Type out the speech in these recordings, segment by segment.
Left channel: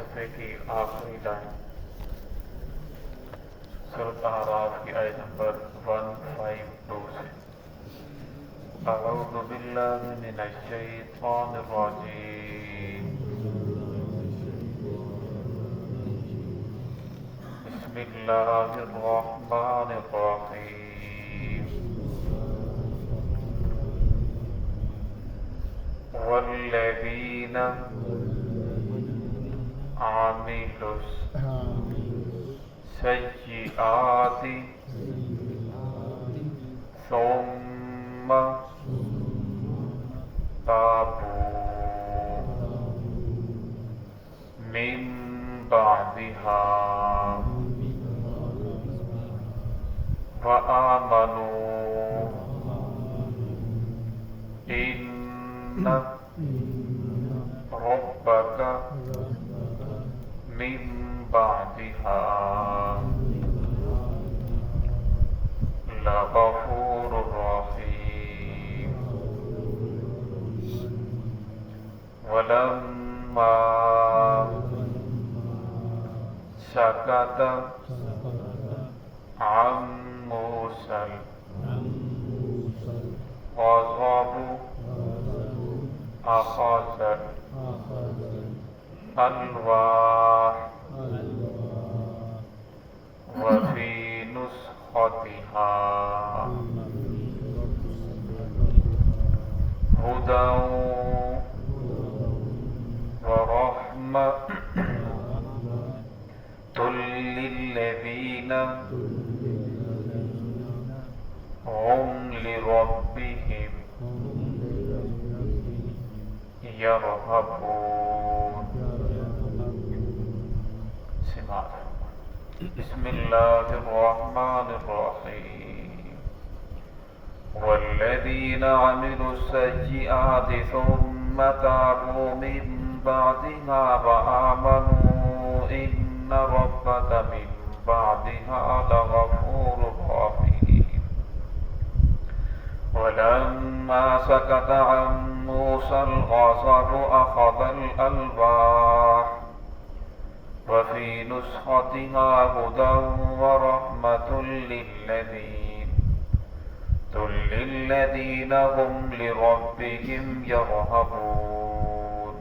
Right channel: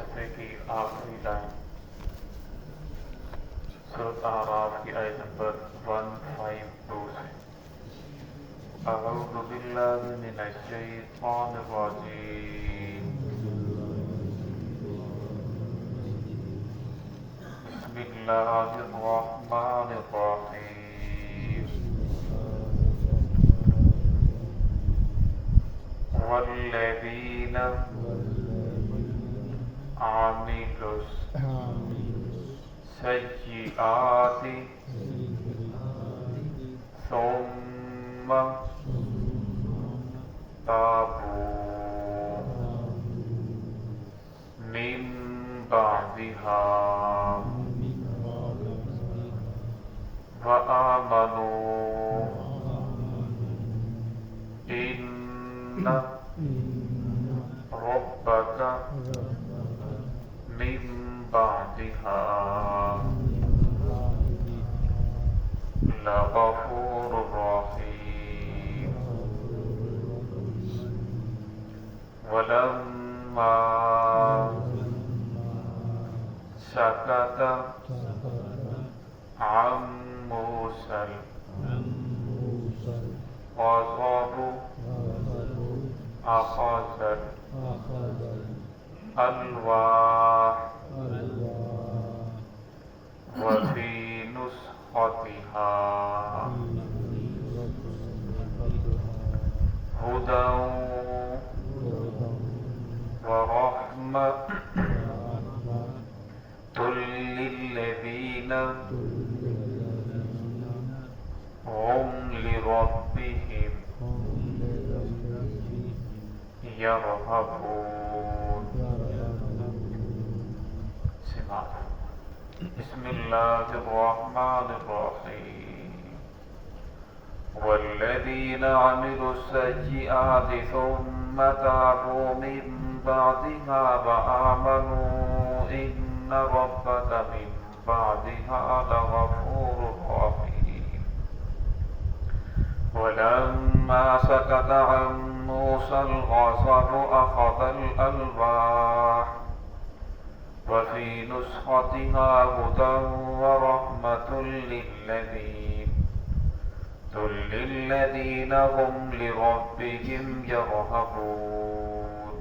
صفحے کی آخری لائن سورۃ اعراف کی آیت نمبر 152 سے اعوذ باللہ من الشیطان الرجیم بسم اللہ الرحمن الرحیم والذین عملوا السیئات ثم تابوا من بعدها وآمنوا إن ربك من بعدها لغفور رحيم ولما سكت عن موسى الغضب أخذ الألواح وفي نسختها هدى ورحمة للذين هم لربهم يرهبون. بسم الله الرحمن الرحيم والذين عملوا السيئات ثم تابوا من بعدها وآمنوا إن ربك من بعدها لغفور رحيم ولما سكت عن موسى الغضب أخذ الألواح وفي نسختها هدى ورحمة للذين هم لربهم يرهبون.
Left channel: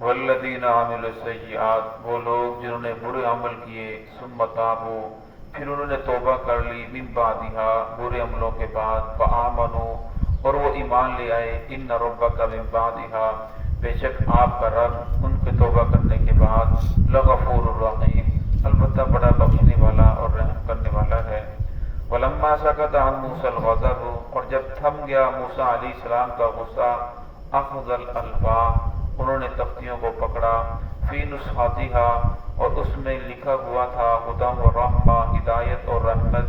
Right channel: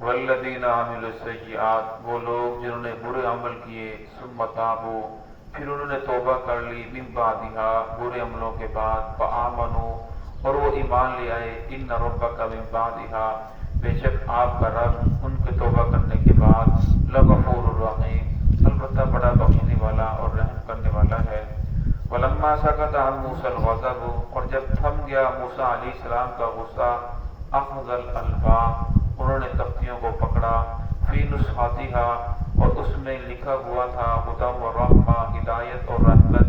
والذين عملوا السيئات وہ لوگ جنہوں نے برے عمل کیے ثم تابوا پھر انہوں نے توبہ کر لی من بعدها برے عملوں کے بعد فآمنوا اور وہ ایمان لے آئے ان ربک من بعدها بے شک آپ کا رب ان کے توبہ کرنے کے بعد لغفور الرحیم البتہ بڑا بخشنے والا اور رحم کرنے والا ہے. ولما سکت عن موسیٰ الغضب اور جب تھم گیا موسیٰ علیہ السلام کا غصہ اخذ الالواح انہوں نے تختیوں کو پکڑا فی نسختها اور اس میں لکھا ہوا تھا ہدی و رحمہ ہدایت اور رحمت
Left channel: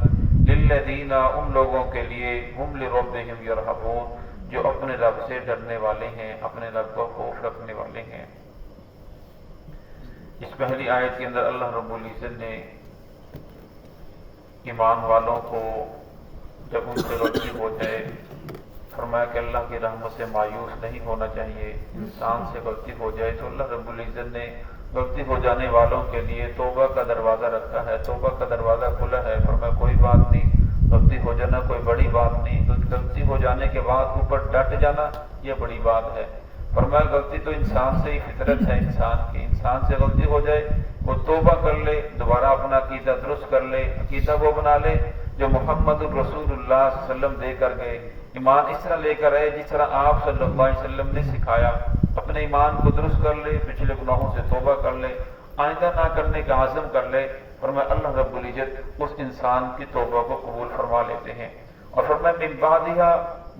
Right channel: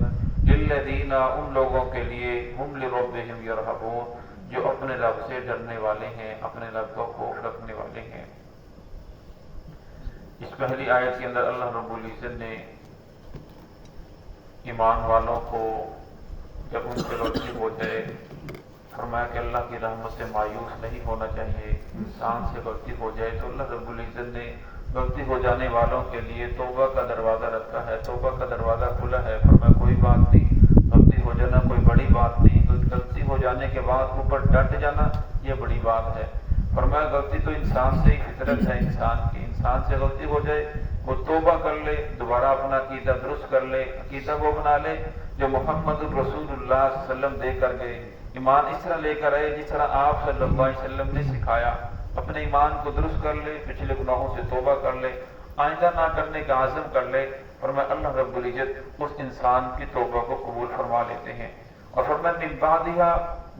للذین ان لوگوں کے لیے ہم لربہم یرہبون جو اپنے رب سے ڈرنے والے ہیں اپنے رب کو خوف رکھنے والے ہیں. اس پہلی آیت کے اندر اللہ رب العزت نے ایمان والوں کو جب ان سے غلطی ہو جائے فرمایا کہ اللہ کی رحمت سے مایوس نہیں ہونا چاہیے. انسان سے غلطی ہو جائے تو اللہ رب العزت نے غلطی ہو جانے والوں کے لیے توبہ کا دروازہ رکھا ہے, توبہ کا دروازہ کھلا ہے. فرمایا کوئی بات نہیں, غلطی ہو جانا کوئی بڑی بات نہیں, غلطی ہو جانے کے بعد اوپر ڈٹ جانا یہ بڑی بات ہے. فرمایا غلطی تو انسان سے ہی فطرت ہے انسان کی, انسان سے غلطی ہو جائے وہ توبہ کر لے, دوبارہ اپنا عقیدہ درست کر لے, عقیدہ وہ بنا لے جو محمد الرسول اللہ صلی اللہ علیہ وسلم دے کر گئے. ایمان اس طرح لے کر آئے جس طرح آپ صلی اللہ علیہ وسلم نے سکھایا. اپنے ایمان کو درست کر لے, پچھلے گناہوں سے توبہ کر لے, آئندہ نہ کرنے کا عزم کر لے. فرمایا اللہ رب العزت اس انسان کی توبہ کو قبول فرما لیتے ہیں. اور فرمایا من بعدها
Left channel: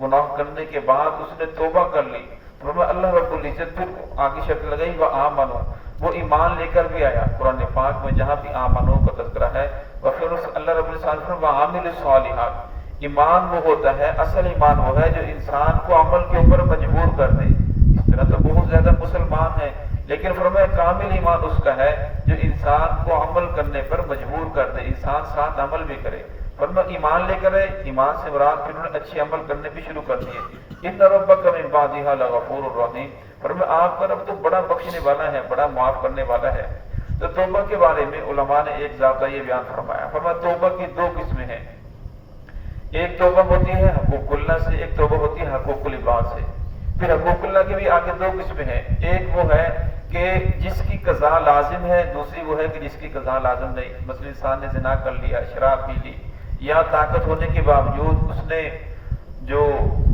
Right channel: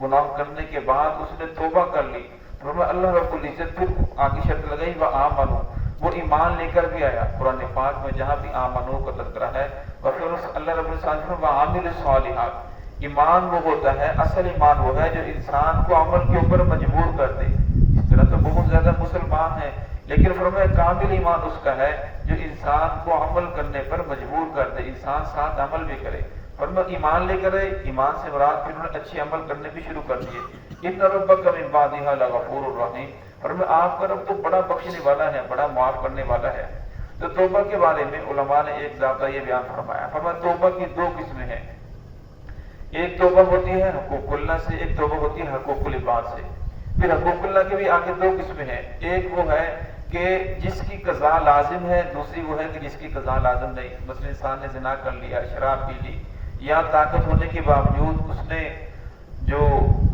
گناہ کرنے کے بعد اس نے توبہ کر لی. فرمایا اللہ رب العزت پھر آگے شرط لگائی وآمنوا وہ ایمان لے کر بھی آیا. قرآن پاک میں جہاں بھی آمنوا کا تذکرہ ہے اور پھر اللہ رب العزت وعامل الصالحات ایمان وہ ہوتا ہے, اصل ایمان وہ ہے جو انسان کو عمل کے اوپر مجبور کر دے. اس طرح تو بہت زیادہ مسلمان ہیں لیکن فرمایا کامل ایمان اس کا ہے جو انسان کو عمل کرنے پر مجبور کر دے, انسان ساتھ عمل بھی کرے. فرمایا ایمان لے کر آئے, ایمان سے مراد پھر انہوں نے اچھے عمل کرنے بھی شروع کر دیے. ان ربک من بعدها لغفور الرحیم فرمایا آپ کا رب تو بڑا بخشنے والا ہے، بڑا معاف کرنے والا ہے۔ تو توبہ کے بارے میں علماء نے ایک ضابطہ یہ بیان فرمایا، فرمایا توبہ کی دو قسمیں ہیں، ایک توبہ ہوتی ہے حقوق اللہ سے، ایک توبہ ہوتی ہے حقوق العباد سے۔ پھر حقوق اللہ کے بھی آگے دو قسمیں ہیں، ایک وہ ہے کہ جس کی قضا لازم ہے، دوسری وہ ہے کہ جس کی قضا لازم نہیں۔ مثلا انسان نے زنا کر لیا، شراب پی لی، یا طاقت ہونے کے باوجود اس نے جو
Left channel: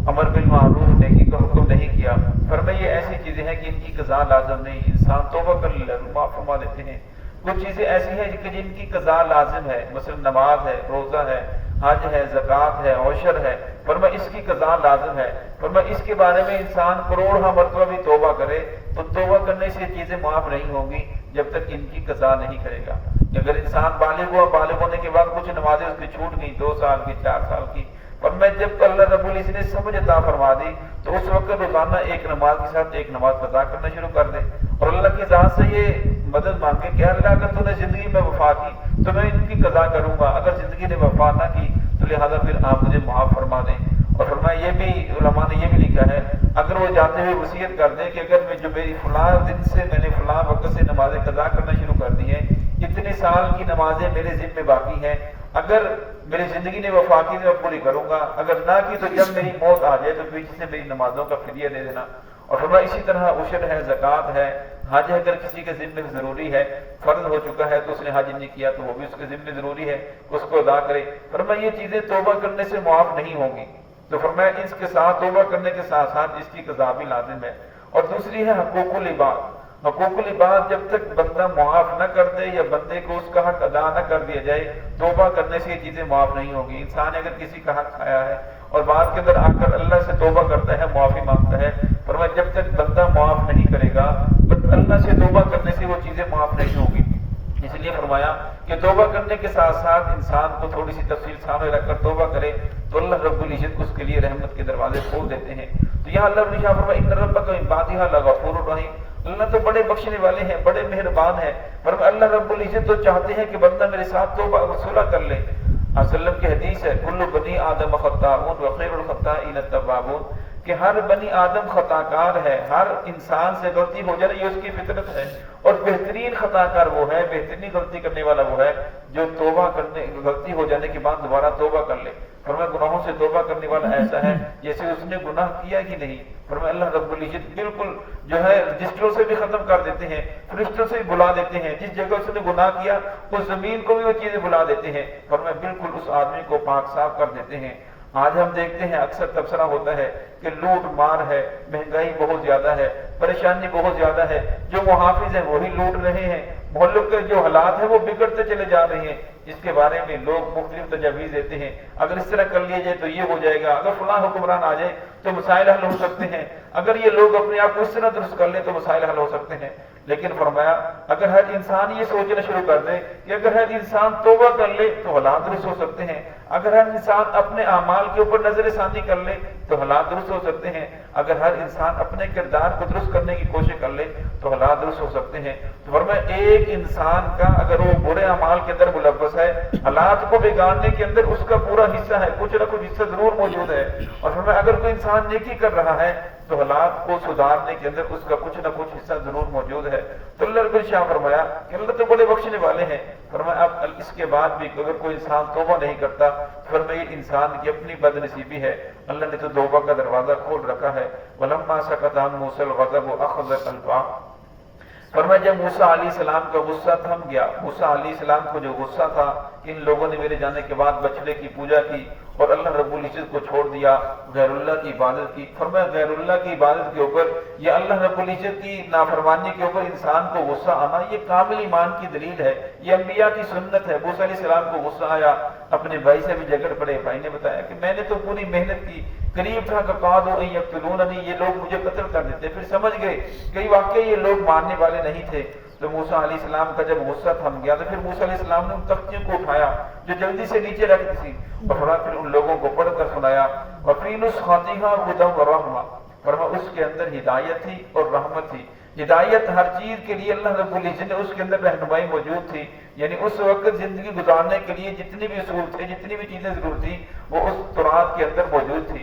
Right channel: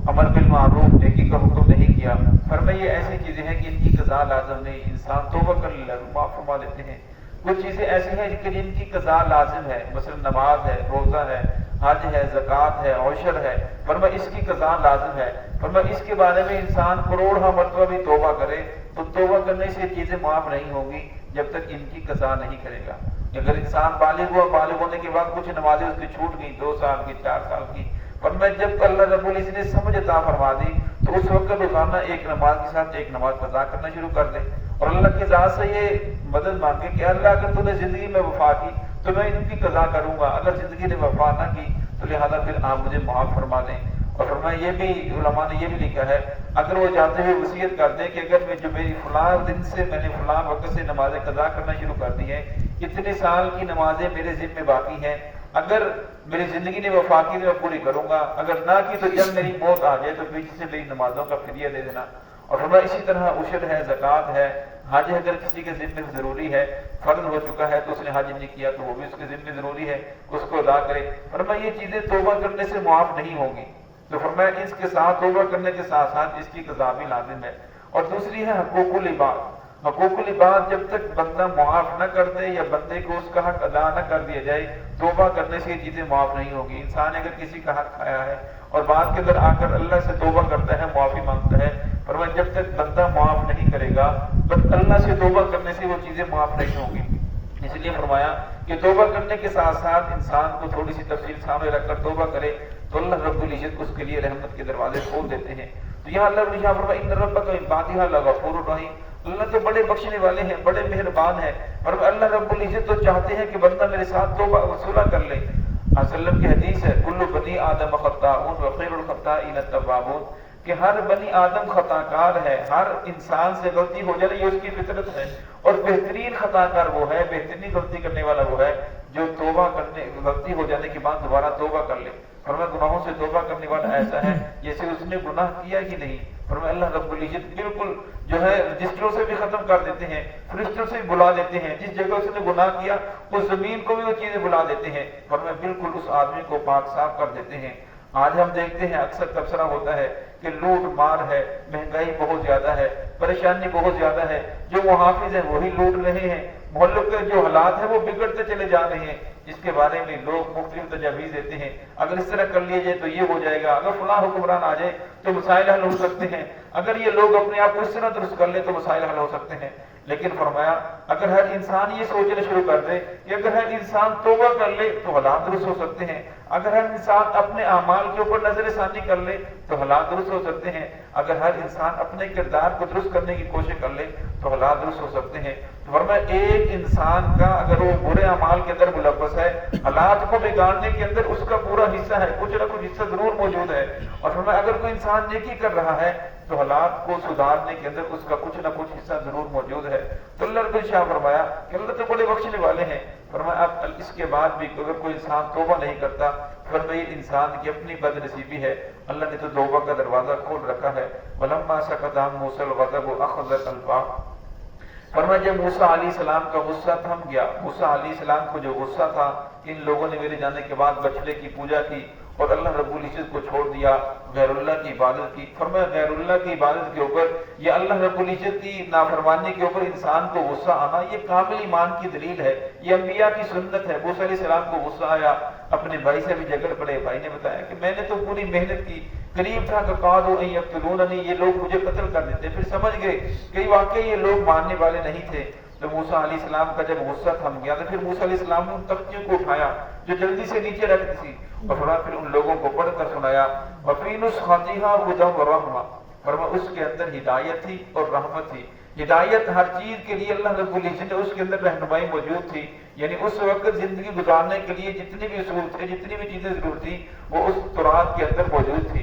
امر بالمعروف نیکی کا حکم نہیں کیا، فرمایا یہ ایسی چیزیں ہیں کہ ان کی قضا لازم نہیں، انسان توبہ کر لے معاف فرما دیتے ہیں۔ کچھ چیزیں ایسی ہیں کہ جن کی قضا لازم ہے، مثلا نماز ہے، روزہ ہے، حج ہے، زکوٰۃ ہے، عشر ہے، فرمایا اس کی قضا لازم ہے۔ فرمایا اس کے بارے میں انسان کروڑہ مرتبہ بھی توبہ کرے تو توبہ کرنے سے یہ چیزیں معاف نہیں ہوں گی جب تک ان کی قضا نہیں کرے گا۔ اگر انسان بالغ ہوا، بالغ ہونے کے بعد کچھ نمازیں اس کی چھوٹ گئی، 2 سال کی، 4 سال کی، فرمایا جب اللہ رب العزت نے سمجھ عطا فرما دی تو اس وقت روزانہ ایک نماز کے ساتھ ایک نماز قضا کرنا شروع کر دے، اور اللہ کی ذات سے یہ مدد مانگے کہ اللہ اگر تو نے زندگی میں وفا کی تو میں ان کی قضا کروں گا، اگر زندگی نے وفا نہ کی تو لہٰذا پھر آپ مجھے معاف فرما دیں۔ اور فرمایا یہ بھی علماء نے یہ بھی لکھا ہے، اگر وہ جاتے ہوئے وصیت کر دیں کہ اگر میں جو میری فلاں دن سے میں نے فلاں وقت سے نمازیں قضا کرنا شروع کر دی ہیں، اتنے سال کی نمازیں میرے ذمہ میں باقی ہیں، اگر میری زندگی نے وفا کی تو میں پوری کروں گا، اگر نہ کی تو جب میری موت آ جائے تو پیچھے سے میری نمازوں کا فدیہ دے دینا۔ اور فرمایا اسی طرح عشر ہے، زکوٰۃ ہے، حج اگر کسی کے ذمہ ضروری ہے، فرض ہو چکا ہے تو اس نے حج نہیں کیا تو وہ بھی اس کے ذمہ ضروری ہے، اس کو ادا کرے۔ فرمایا یہ چیزیں توبہ کرنے سے معاف نہیں ہوں گی، تو فرمایا اس کے ساتھ توبہ کرنے کے ساتھ ساتھ اس کی قضا بھی لازم ہے۔ اور دوسری ہے حقوق العباد۔ حقوق العباد جب تک بندہ معاف نہ کر دے یا بندے کو اس کا حق ادا نہ کر دیا جائے، توبہ کرنے سے یہ چیزیں معاف نہیں ہوگی۔ انسان اگر کسی کا حق کھایا ہے اور بعد کے اندر آ کر اللہ سے توبہ کرتا ہے، معافی مانگتا ہے، فرمایا جب تک بندہ معاف نہیں کرے گا تو اللہ سے توبہ کرنے سے وہ چیزیں معاف نہیں ہوں گی۔ اس لیے فرمایا کہ توبہ کرنے کے ساتھ ساتھ انسان کو تھوڑی سی تفصیل سامنے رکھ کر توبہ کرے تو اللہ رب العزت اس کے لیے رحمت کے دروازے کھول دیتے ہیں۔ تو یہاں اللہ رب العزت فرمایا ان ربک من بعدها لغفور رحیم، اللہ تو بڑے بخشنے والے ہیں، بڑے مہربان ہیں۔ فرمایا اللہ رب العزت تو چاہتے ہیں کہ بندہ میرے ساتھ توبہ صلح کر لے۔ وسلم کی حدیث ہے کل بنی آدم خطاؤن وخیر الخطائین التوابون، کہ ہر بنی آدم خطا کار ہے، ہر انسان سے غلطی ہو جائے یہ اس کی فطرت ہے، اور بہترین خطا کار وہ ہے، بہترین غلطی کرنے والا وہ ہے جو توبہ کرنے غلطی ہو جانے کے بعد دوبارہ توبہ کر لے۔ فرمایا گناہوں سے توبہ کرنے والا ایسا ہے جیسے اس نے گناہ کیا ہی نہیں۔ فرمایا اللہ رب العزت بالکل جو ہے رجسٹروں سے بھی ختم کر دیتے ہیں، فرشتوں سے بھی بلا دیتے ہیں، جس جگہ اس نے گناہ کیا اس زمین کو بھی وہ چیزیں بلا دیتے ہیں، فرمایا بالکل اس آدمی کو پاک صاف کر دیتے ہیں۔ آج ہم دیکھتے ہیں اکثر تبصرہ ہوتا ہے کہ لوٹ مار ہے، مہنگائی بہت زیادہ ہے، پریشانی بہت زیادہ ہے، جو محافظ ہیں وہی لوٹ رہے ہیں، ملک کے جو حالات ہیں وہ بگڑتے چلے جا رہے ہیں۔ اس کے بارے میں لوگ مختلف تجاویز دیتے ہیں، اگر اس طرح کر لیا جائے تو یہ ہو جائے گا، اگر فلاں حکمران آ جائے تو مسائل حل ہو سکتے ہیں، اگر یہ لوگ اپنے آپ کو اس طرح درست کر لیں تو مسائل حل ہو سکتے ہیں۔ لیکن فرمایا اگر ہر انسان یہ سوچنا شروع کر دے کہ اگر ہر انسان توبہ کر لے تو حالات درست ہو سکتے ہیں، اگر ہر انسان اپنے اعمال کے اوپر نظر ثانی کر لے تو حالات درست ہو سکتے ہیں، اگر ہر انسان اپنے کردار کو درست کرنے کی کوشش کر لے تو حالات درست ہو سکتے ہیں۔ تو فرمایا ایک انسان کا اگر وہ برے اعمال کے اندر ملوث ہے، حالات کو بگاڑنے کے اندر اس کا پورا حصہ ہے، کچھ نہ کچھ حصہ ضرور موجود ہے، اور فرمایا اگر کوئی انسان نیکی کر رہا ہے تو حالات کو سدھارنے کے اندر اس کا کچھ نہ کچھ حصہ ضرور موجود ہے۔ تو اللہ رب العزت فرمایا کہ اللہ تو بڑے بخشنے والے ہیں۔ فرمایا اب اس کے بعد بھی اگر کوئی انسان توبہ نہیں کرتا، فرمایا انسان کی اپنی بد نصیبی ہے، اللہ نے تو توبہ کا دروازہ کھول رکھا ہے۔ وَلَمَّا سَكَتَ عَن مُوسَى الْغَضَبُ أَخَذَ قَلْبَهُ، فرمایا جب موسیٰ علیہ السلام کا غصہ تھم گیا، موسیٰ علیہ السلام کو جو غصہ تھا ان لوگوں نے میرے جانے کے بعد بچڑے کی پوجا کی اور اللہ رب العزت کو چھوڑ دیا، غیر اللہ کی عبادت کی۔ فرمایا غیر اللہ کی عبادت کے اوپر یا اللہ رب العزت کی نافرمانی کے اوپر انسان کو غصہ آنا یہ کامل ایمان کی دلیل ہے، یہ انبیاء کی سنت ہے۔ موسیٰ علیہ السلام کو غصہ آیا، اپنے بھائی سے بھی جھگڑ پڑے، بھائی نے بتایا کہ میں نے تو پوری محنت کی، قریب تھا کہ قادوا ان یقتلوننی، یہ لوگ مجھے قتل کر دیتے، پھر سمجھ گئے کہ واقعی یہ لوگ ماننے والے نہیں تھے۔ تو موسیٰ علیہ السلام کا جب غصہ تھم گیا تو پھر موسیٰ علیہ السلام نے ان تختیوں کو اٹھایا جو جلدی سے نیچے رکھتی تھی اور پھر ان لوگوں کو پڑھ کر سنایا، وَفِي نُسْخَتِهَا هُدًى وَرَحْمَةٌ، فرمایا اس کے اندر ہدایت تھی اور رحمت تھی۔ ہدایت ہر چیز کے لیے اللہ رب العزت نے اس کے اندر رہنمائی موجود تھی، یعنی اس وقت زندگی گزارنے کے لیے جتنی بھی اصول تھے، جتنی بھی چیزیں ضرور تھی وہ اس تورات کے اندر موجود تھی۔